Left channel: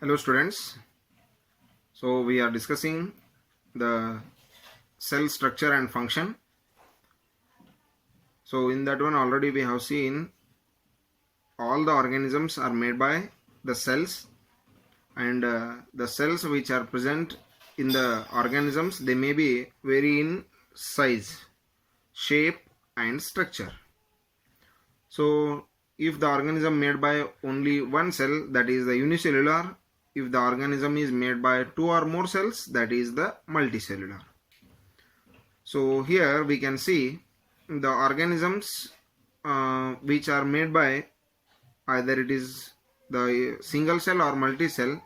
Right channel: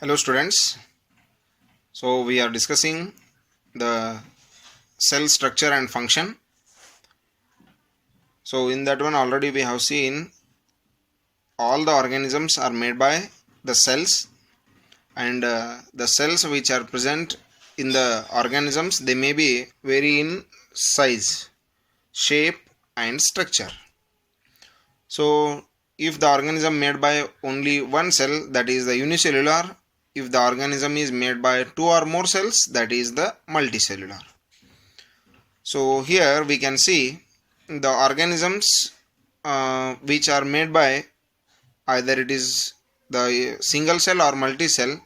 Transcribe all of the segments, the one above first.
Hello students. So we are discussing the cell structure and function. So in that one already we have seen all the organisms are made by the cells, and the cells which are present in the organisms, they may be vary in size, shape and structure. So if the organism made by only one cell, that is the unicellular. If the organism is made by two or more cells, that is the multicellular. So here we can see the organisms which are made by either it is the single cell or multi-cell.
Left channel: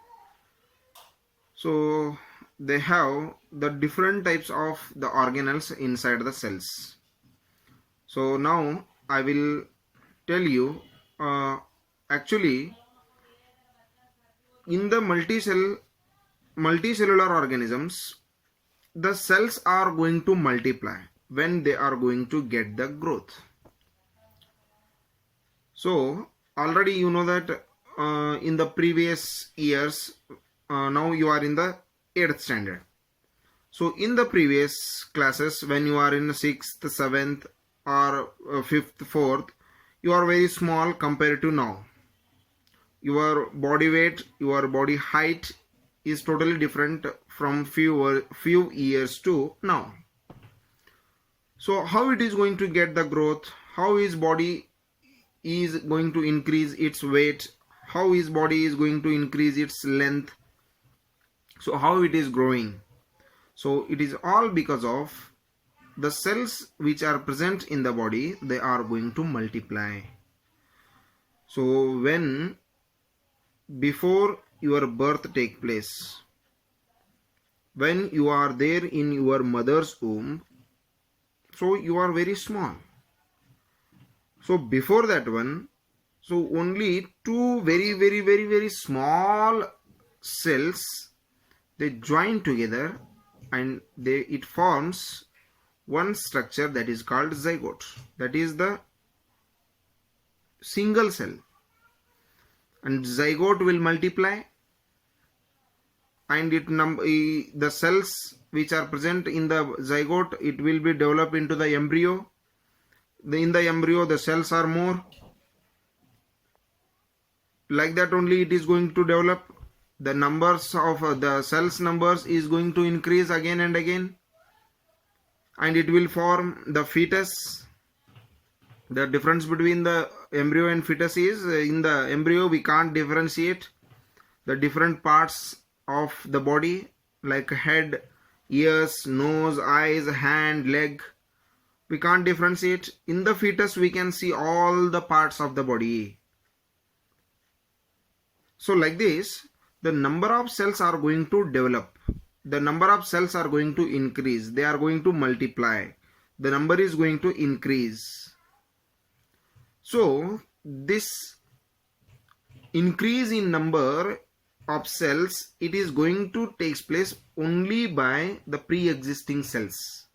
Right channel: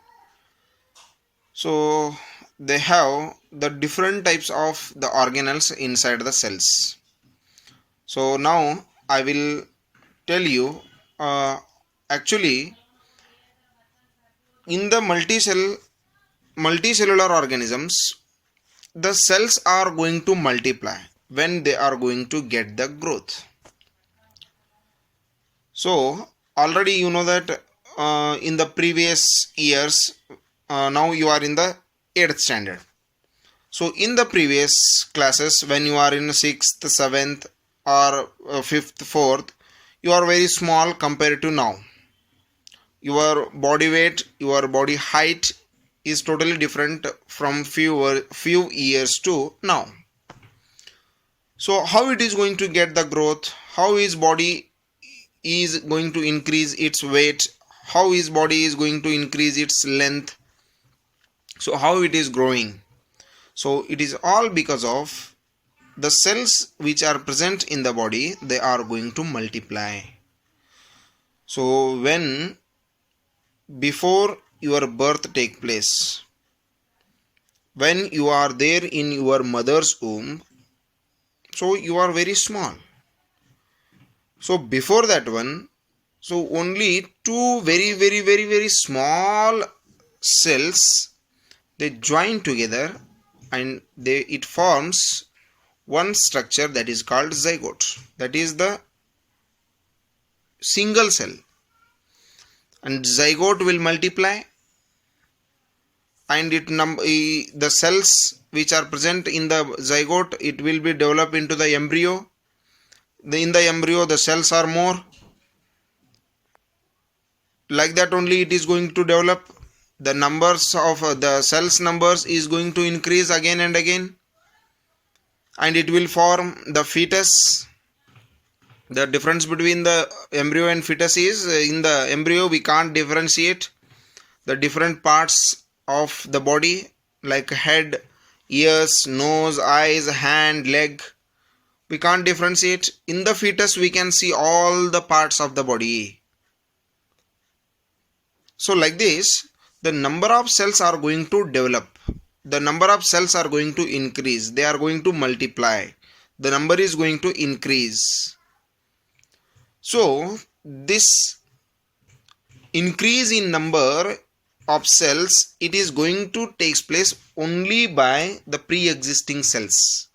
So they have the different types of the organelles inside the cells. So now I will tell you actually in the multicellular organisms, the cells are going to multiply when they are going to get the growth. So already you know that in the previous years, now you are in the 8th standard. So in the previous classes, when you are in 6th, 7th or 5th, 4th, you are very small compared to now. Your body weight, your body height is totally different from few years to now. So how it is going to get the growth? How his body is going to increase its weight? How his body is going to increase its length? So how it is growing? So it is all because of the cells which are present in the body. They are going to multiply. So when before your birth take place, when you are there in your mother's womb, so you are very small. So before that one, so only two very small cells, they join together and it forms one structure that is called zygote. That is the single cell, and zygote will multiply, and the cells which are present in the zygote, it will be developed into the embryo. In the embryo the cells are more, like that only it is going to develop. The numbers of the cells numbers is going to increase again and again, and it will form the fetus. The difference between the embryo and fetus is, in the embryo we can't differentiate the different parts of the body like head, ears, nose, eyes, hand, leg. We can't differentiate. In the fetus we can see all the parts of the body. So like this, the number of cells are going to develop. The number of cells are going to increase. They are going to multiply. The number is going to increase. So this increase in number of cells, it is going to take place only by the pre-existing cells.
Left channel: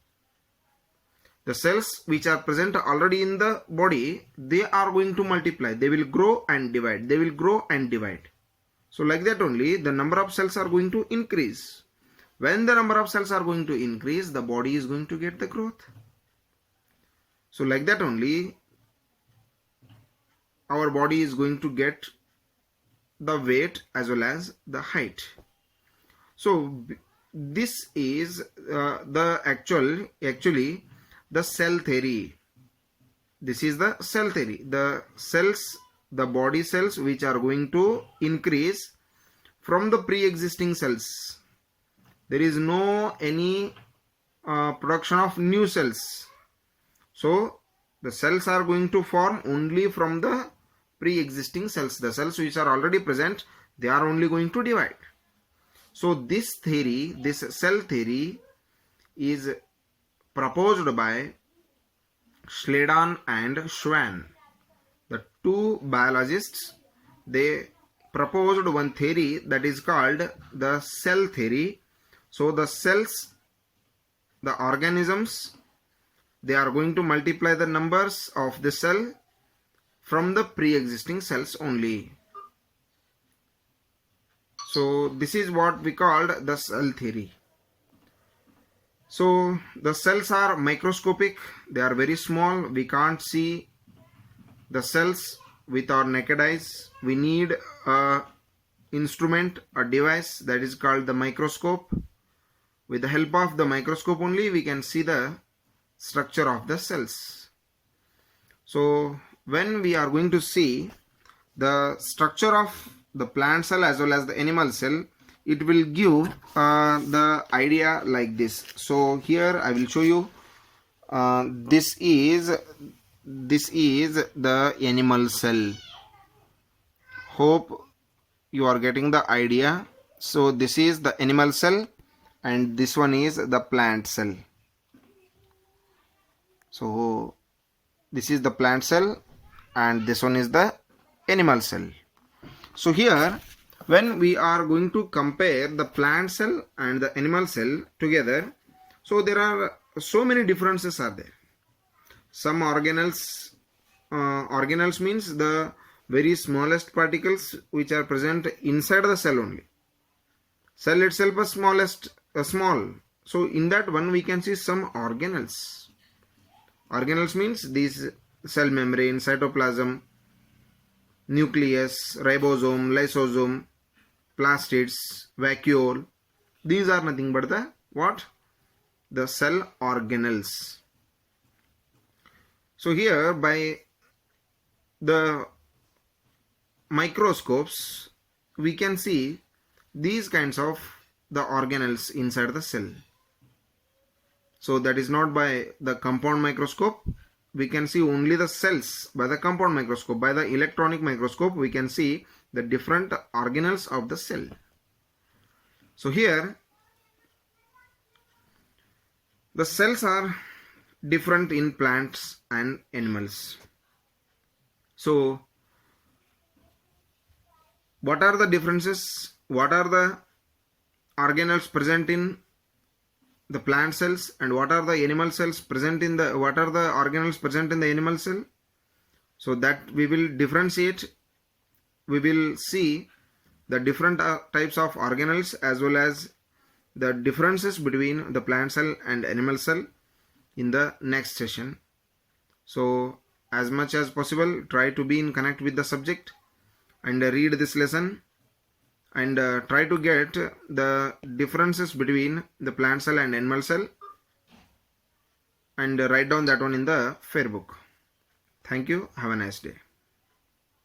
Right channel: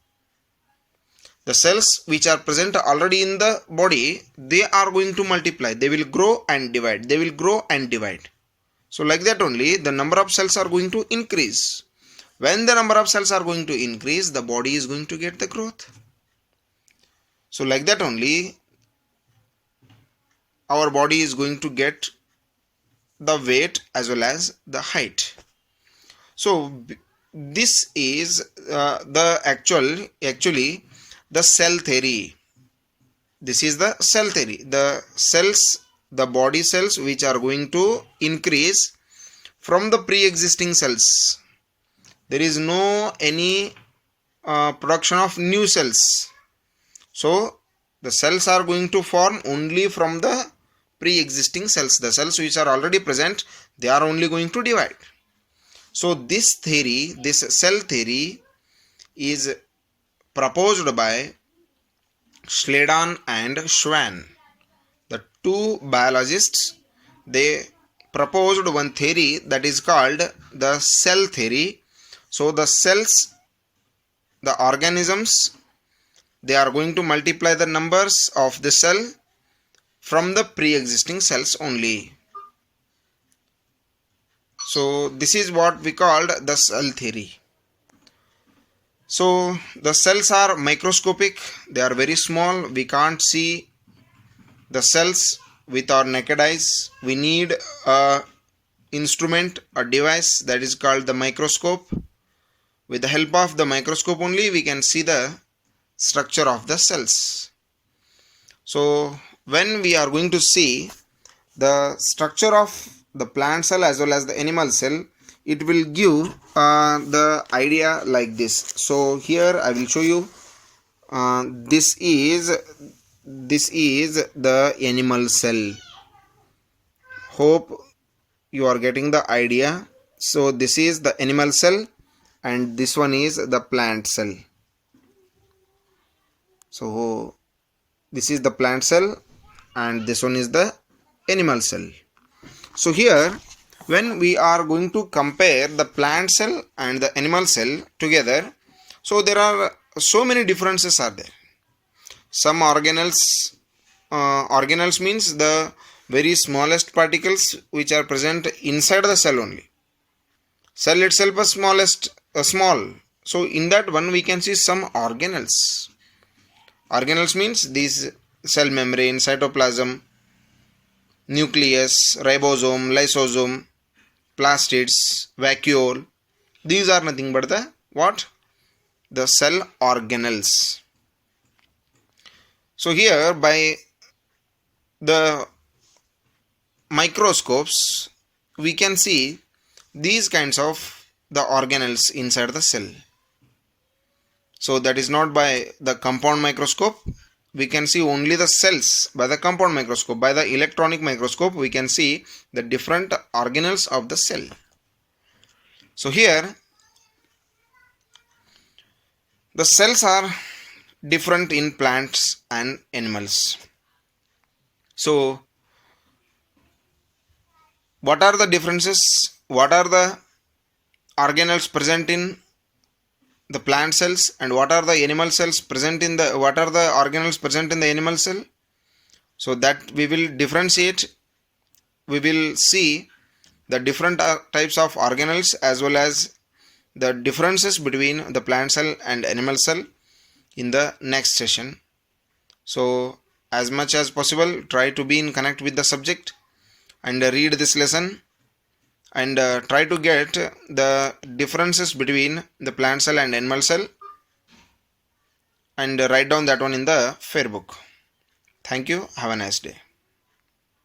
The cells which are present already in the body, they are going to multiply. They will grow and divide. They will grow and divide. So like that only the number of cells are going to increase. When the number of cells are going to increase, the body is going to get the growth. So like that only our body is going to get the weight as well as the height. So this is the actually the cell theory. This is the cell theory. The cells, the body cells which are going to increase from the pre-existing cells. There is no any production of new cells. So the cells are going to form only from the pre-existing cells. The cells which are already present, they are only going to divide. So this theory, this cell theory, is proposed by Schledan and Schwann. The two biologists, they proposed one theory that is called the cell theory. So the cells, the organisms, they are going to multiply the numbers of the cell from the pre-existing cells only. So this is what we called the cell theory. So the cells are microscopic, they are very small, we can't see the cells with our naked eyes. We need a instrument, a device that is called the microscope. With the help of the microscope only we can see the structure of the cells. So when we are going to see the structure of the plant cell as well as the animal cell, it will give the idea like this. So here I will show you. This is the animal cell. Hope you are getting the idea. So this is the animal cell and this one is the plant cell. So this is the plant cell and this one is the animal cell. So here when we are going to compare the plant cell and the animal cell together, so there are so many differences are there. Some organelles means the very smallest particles which are present inside the cell only. Cell itself is small. So in that one we can see some organelles. Organelles means these cell membrane, cytoplasm, nucleus, ribosome, lysosome, plastids, vacuole. These are nothing but the what? The cell organelles. So here by the microscopes we can see these kinds of the organelles inside the cell. So that is not by the compound microscope. We can see only the cells by the compound microscope. By the electronic microscope we can see the different organelles of the cell. So here the cells are different in plants and animals. So what are the differences? What are the organelles present in the plant cells and what are the animal cells present in the organelles present in the animal cell? So that we will differentiate. We will see the different types of organelles as well as the differences between the plant cell and animal cell in the next session. So as much as possible try to be in connect with the subject and read this lesson and try to get the differences between the plant cell and animal cell and write down that one in the fair book. Thank you. Have a nice day.